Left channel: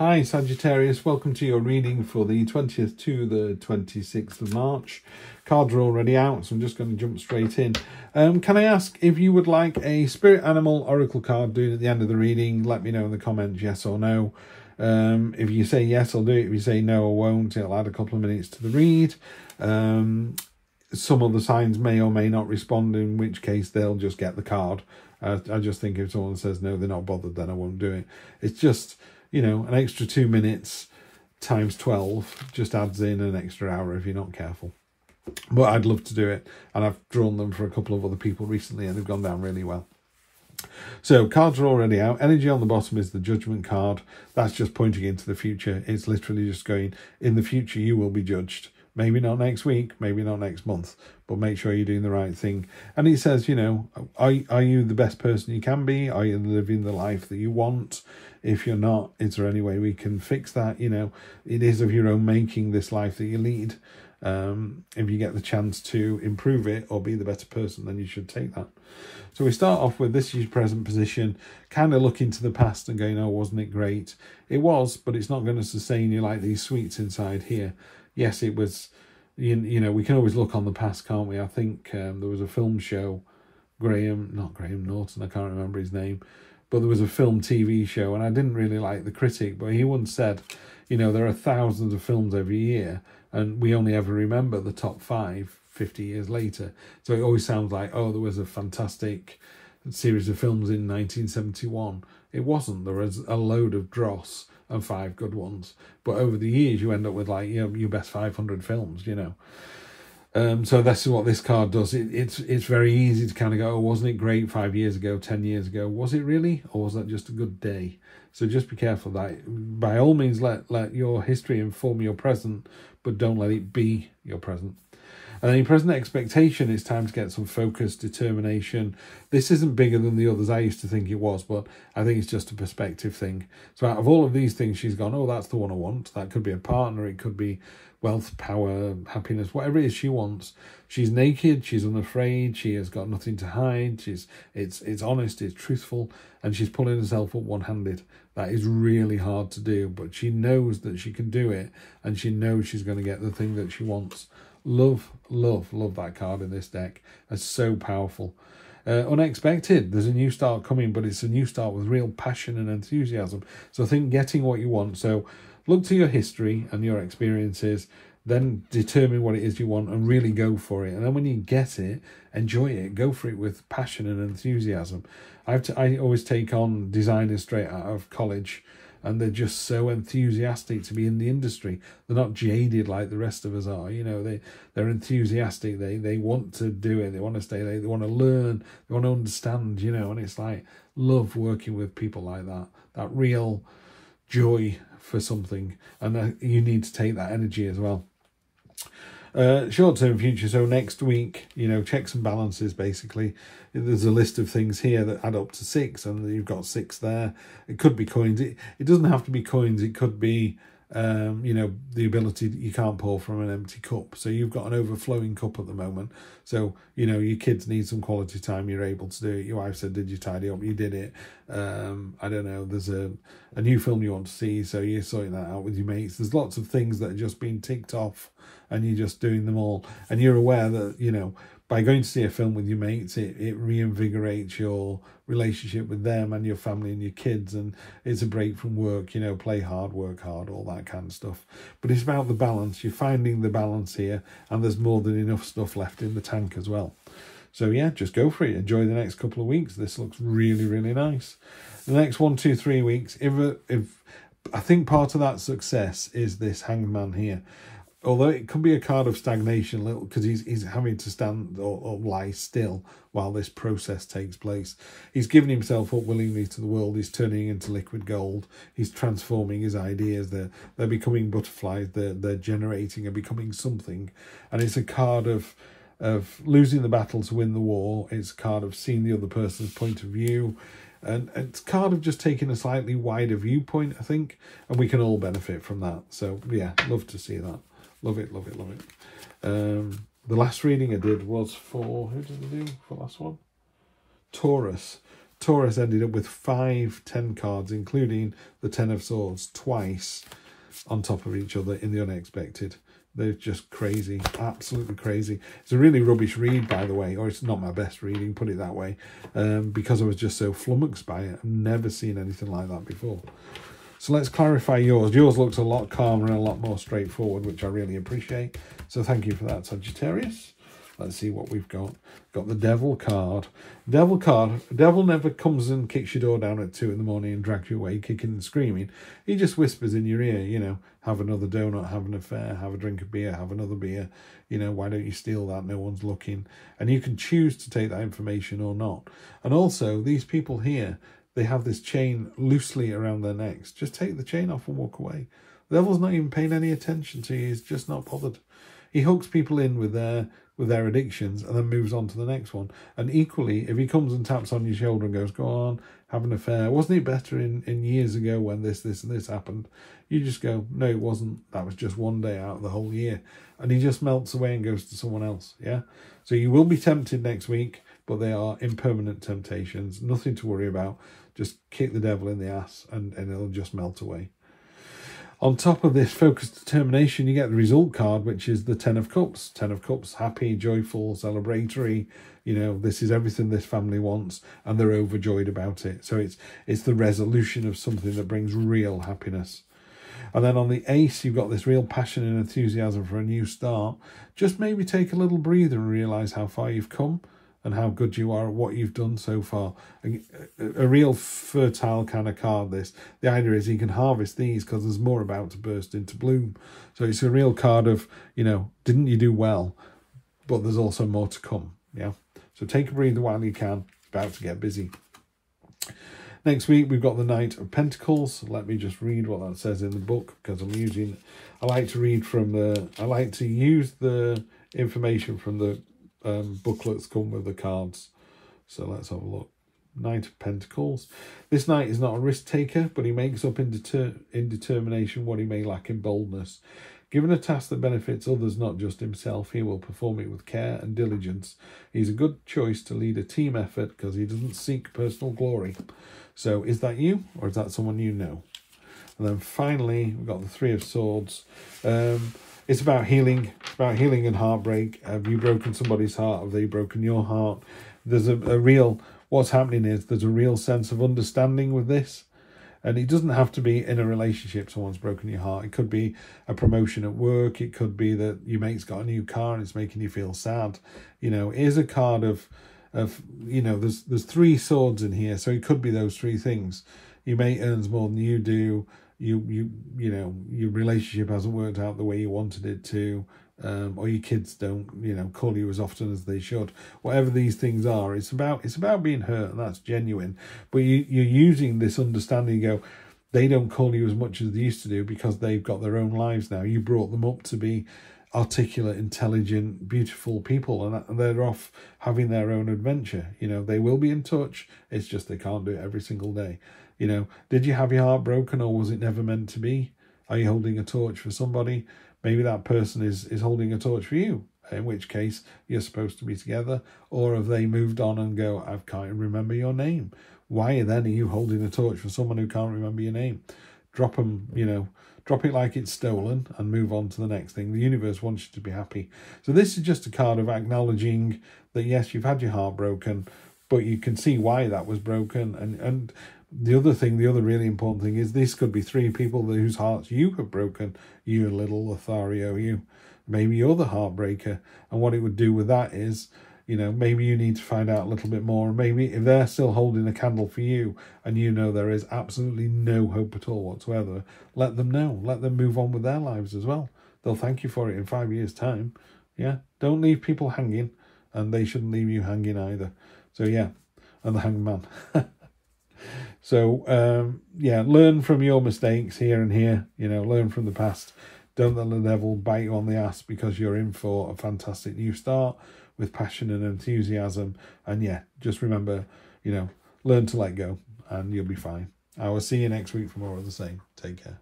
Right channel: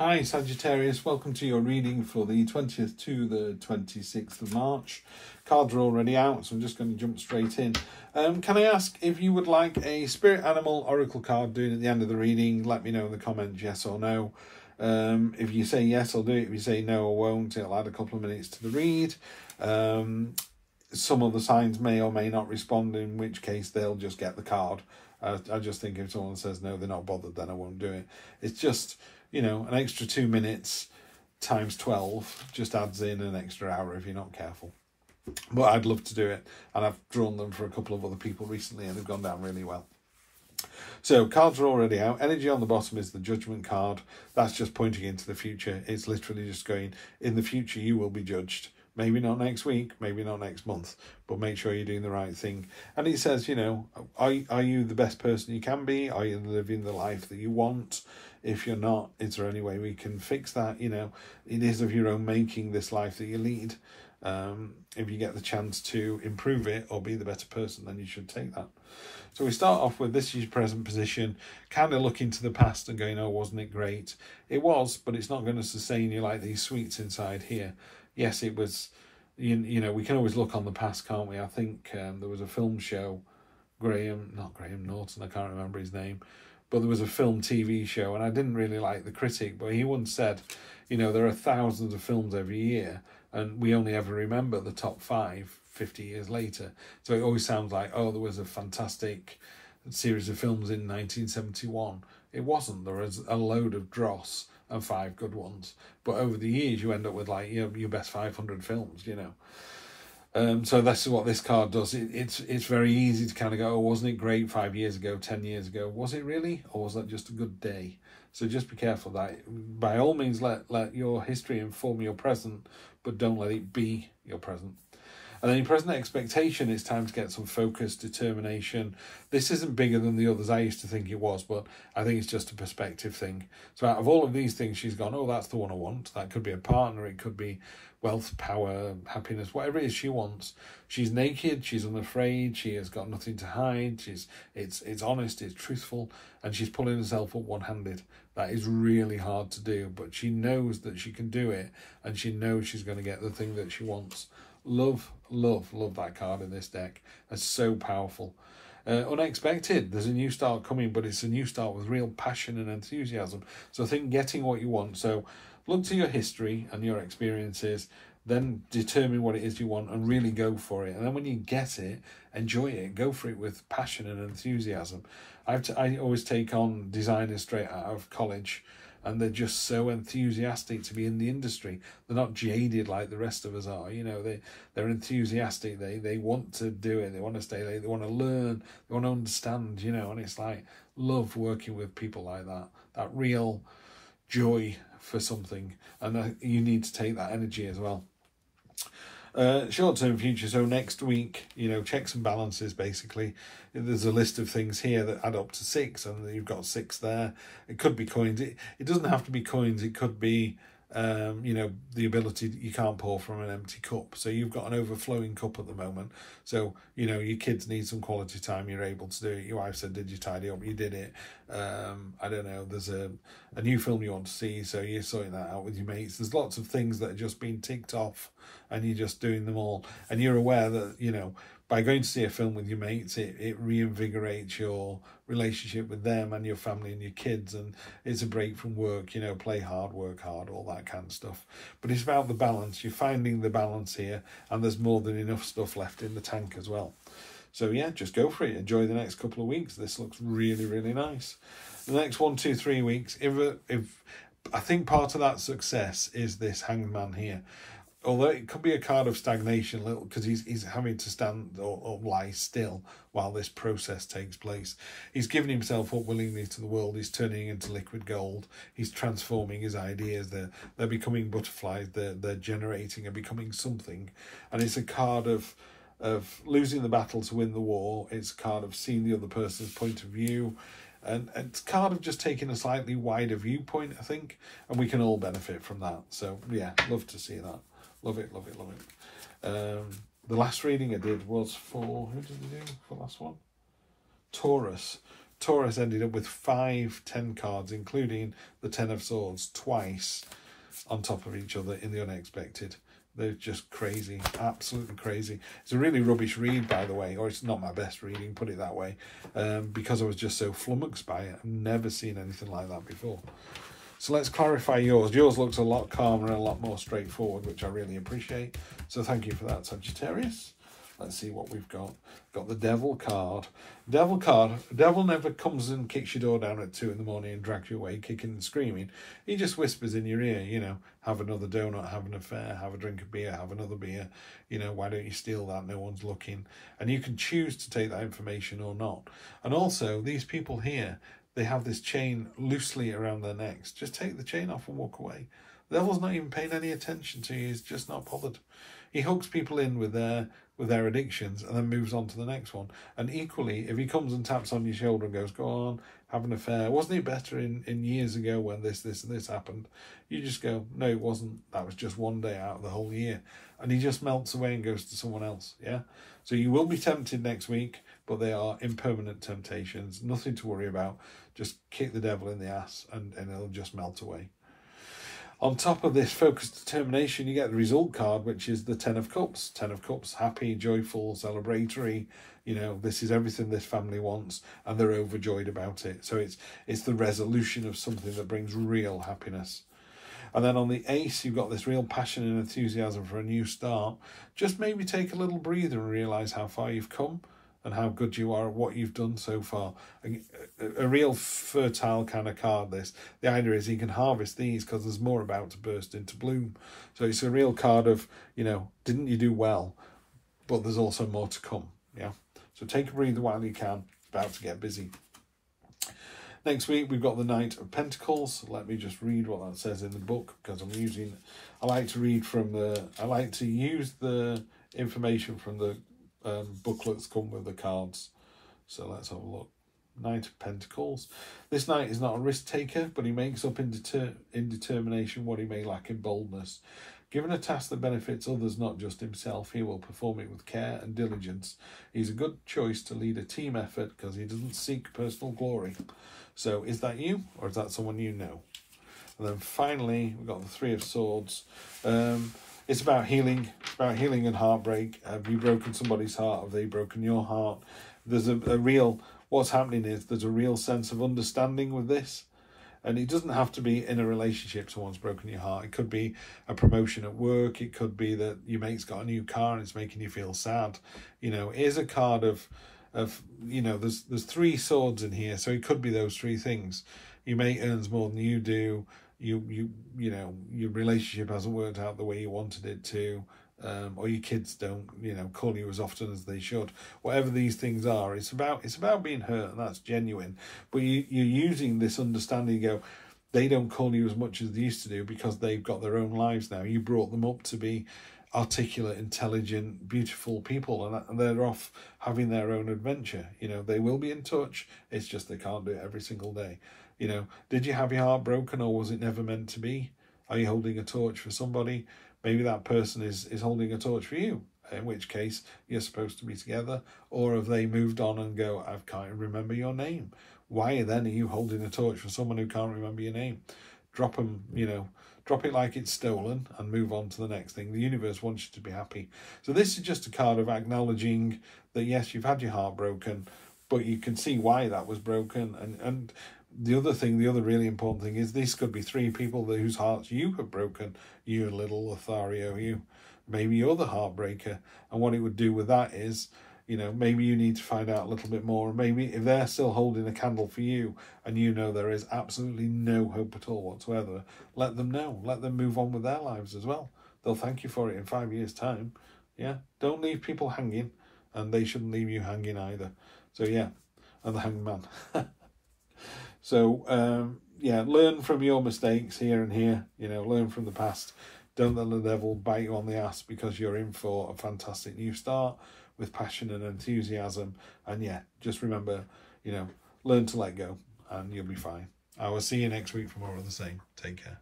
Hi Sagittarius, welcome to your reading for the 20th to the 26th of March. Cards are already out, so I'm just going to jump straight in. Can I ask if you would like a spirit animal oracle card doing at the end of the reading? Let me know in the comments, yes or no. If you say yes, I'll do it. If you say no, I won't. It'll add a couple of minutes to the read. Some of the signs may or may not respond, in which case they'll just get the card. I just think if someone says no, they're not bothered, then I won't do it. It's just, you know, an extra 2 minutes times 12 just adds in an extra hour if you're not careful. But I'd love to do it, and I've drawn them for a couple of other people recently and they've gone down really well. So cards are already out. Energy on the bottom is the Judgment card. That's just pointing into the future. It's literally just going, in the future you will be judged. Maybe not next week, maybe not next month, but make sure you're doing the right thing. And it says, you know, are you the best person you can be? Are you living the life that you want? If you're not, is there any way we can fix that? You know, it is of your own making, this life that you lead. If you get the chance to improve it or be the better person, then you should take that. So we start off with, this is your present position, kind of looking to the past and going, oh, wasn't it great? It was, but it's not going to sustain you like these sweets inside here. Yes, it was, you know, we can always look on the past, can't we? I think there was a film show, not Graham Norton, I can't remember his name, but there was a film TV show, and I didn't really like the critic, but he once said, you know, there are thousands of films every year, and we only ever remember the top 5 50 years later. So it always sounds like, oh, there was a fantastic series of films in 1971. It wasn't. There was a load of dross and 5 good ones. But over the years, you end up with, like, you know, your best 500 films, you know. So that's what this card does. It's very easy to kind of go, oh, wasn't it great 5 years ago, 10 years ago? Was it really? Or was that just a good day? So just be careful that, by all means, let your history inform your present, but don't let it be your present. And in present expectation, it's time to get some focus, determination. This isn't bigger than the others. I used to think it was, but I think it's just a perspective thing. So out of all of these things, she's gone, oh, that's the one I want. That could be a partner. It could be wealth, power, happiness, whatever it is she wants. She's naked. She's unafraid. She has got nothing to hide. It's honest. It's truthful. And she's pulling herself up one-handed. That is really hard to do, but she knows that she can do it, and she knows she's going to get the thing that she wants. Love, love, love that card in this deck. That's so powerful. Unexpected. There's a new start coming, but it's a new start with real passion and enthusiasm. So I think getting what you want. So look to your history and your experiences, then determine what it is you want and really go for it. And then when you get it, enjoy it. Go for it with passion and enthusiasm. I always take on designers straight out of college, and they're just so enthusiastic to be in the industry. They're not jaded like the rest of us are. You know, they're enthusiastic. They want to do it. They want to stay late. They want to learn. They want to understand, you know, and it's like, love working with people like that. That real joy for something. And you need to take that energy as well. Short-term future, so next week, you know, checks and balances, basically. There's a list of things here that add up to 6, and you've got 6 there. It could be coins. It doesn't have to be coins. It could be, you know, the ability that you can't pour from an empty cup. So you've got an overflowing cup at the moment. So, you know, your kids need some quality time. You're able to do it. Your wife said, did you tidy up? You did it. I don't know. There's a new film you want to see, so you're sorting that out with your mates. There's lots of things that are just being ticked off, and you're just doing them all. And you're aware that, you know, by going to see a film with your mates, it reinvigorates your relationship with them and your family and your kids, and it's a break from work, you know, play hard, work hard, all that kind of stuff. But it's about the balance. You're finding the balance here, and there's more than enough stuff left in the tank as well. So yeah, just go for it. Enjoy the next couple of weeks. This looks really, really nice. The next 1, 2, 3 weeks, if I think part of that success is this Hanged Man here. Although it could be a card of stagnation, little, because he's having to stand or lie still while this process takes place. He's giving himself up willingly to the world. He's turning into liquid gold. He's transforming his ideas. They're becoming butterflies. They're generating and becoming something. And it's a card of losing the battle to win the war. It's a card of seeing the other person's point of view. And it's a card of just taking a slightly wider viewpoint, I think. And we can all benefit from that. So, yeah, love to see that. Love it, love it, love it. The last reading I did was for, who did I do for the last one? Taurus. Taurus ended up with 5 10 cards, including the 10 of Swords, twice on top of each other in the unexpected. They're just crazy, absolutely crazy. It's a really rubbish read, by the way, or it's not my best reading, put it that way, because I was just so flummoxed by it. I've never seen anything like that before. So let's clarify yours. Yours looks a lot calmer and a lot more straightforward, which I really appreciate. So thank you for that, Sagittarius. Let's see what we've got. Got the Devil card. Devil card. Devil never comes and kicks your door down at 2 in the morning and drags you away kicking and screaming. He just whispers in your ear, you know, have another donut, have an affair, have a drink of beer, have another beer. You know, why don't you steal that? No one's looking. And you can choose to take that information or not. And also, these people here, they have this chain loosely around their necks. Just take the chain off and walk away. The devil's not even paying any attention to you. He's just not bothered. He hooks people in with their addictions and then moves on to the next one. And equally, if he comes and taps on your shoulder and goes, go on, have an affair. Wasn't it better in years ago when this and this happened? You just go, no, it wasn't. That was just one day out of the whole year. And he just melts away and goes to someone else, yeah? So you will be tempted next week, but they are impermanent temptations. Nothing to worry about. Just kick the devil in the ass and it'll just melt away. On top of this focused determination, you get the result card, which is the 10 of Cups. 10 of Cups, happy, joyful, celebratory. You know, this is everything this family wants, and they're overjoyed about it. So it's the resolution of something that brings real happiness. And then on the Ace, you've got this real passion and enthusiasm for a new start. Just maybe take a little breather and realise how far you've come and how good you are at what you've done so far. A real fertile kind of card, this. The idea is you can harvest these because there's more about to burst into bloom. So it's a real card of, you know, didn't you do well? But there's also more to come, yeah? So take a breather while you can. It's about to get busy. Next week, we've got the Knight of Pentacles. Let me just read what that says in the book, because I like to use the information from the booklets come with the cards. So let's have a look. Knight of Pentacles. This knight is not a risk taker, but he makes up in determination what he may lack in boldness. Given a task that benefits others, not just himself, he will perform it with care and diligence. He's a good choice to lead a team effort because he doesn't seek personal glory. So is that you, or is that someone you know? And then finally, we've got the 3 of Swords. It's about healing. It's about healing and heartbreak. Have you broken somebody's heart? Have they broken your heart? There's a real... What's happening is there's a real sense of understanding with this. And it doesn't have to be in a relationship someone's broken your heart. It could be a promotion at work. It could be that your mate's got a new car and it's making you feel sad. You know, here's a card of you know, there's 3 swords in here. So it could be those 3 things. Your mate earns more than you do. You know, your relationship hasn't worked out the way you wanted it to. Or your kids don't, you know, call you as often as they should. Whatever these things are, it's about being hurt, and that's genuine. But you're using this understanding. You go, they don't call you as much as they used to do because they've got their own lives now. You brought them up to be articulate, intelligent, beautiful people, and they're off having their own adventure. You know, they will be in touch. It's just they can't do it every single day. You know, did you have your heart broken, or was it never meant to be? Are you holding a torch for somebody? Maybe that person is holding a torch for you, in which case you're supposed to be together. Or have they moved on and go, I can't remember your name. Why then are you holding a torch for someone who can't remember your name? Drop them, you know, drop it like it's stolen and move on to the next thing. The universe wants you to be happy. So this is just a card of acknowledging that, yes, you've had your heart broken, but you can see why that was broken. And the other really important thing is this could be 3 people whose hearts you have broken. You little Lothario, maybe you're the heartbreaker. And what it would do with that is, you know, maybe you need to find out a little bit more. Maybe if they're still holding a candle for you and you know there is absolutely no hope at all whatsoever, let them know. Let them move on with their lives as well. They'll thank you for it in 5 years' time. Yeah, don't leave people hanging, and they shouldn't leave you hanging either. So yeah, and the Hanged Man. So, yeah, learn from your mistakes here and here, you know, learn from the past. Don't let the devil bite you on the ass, because you're in for a fantastic new start with passion and enthusiasm. And yeah, just remember, you know, learn to let go and you'll be fine. I will see you next week for more of the same. Take care.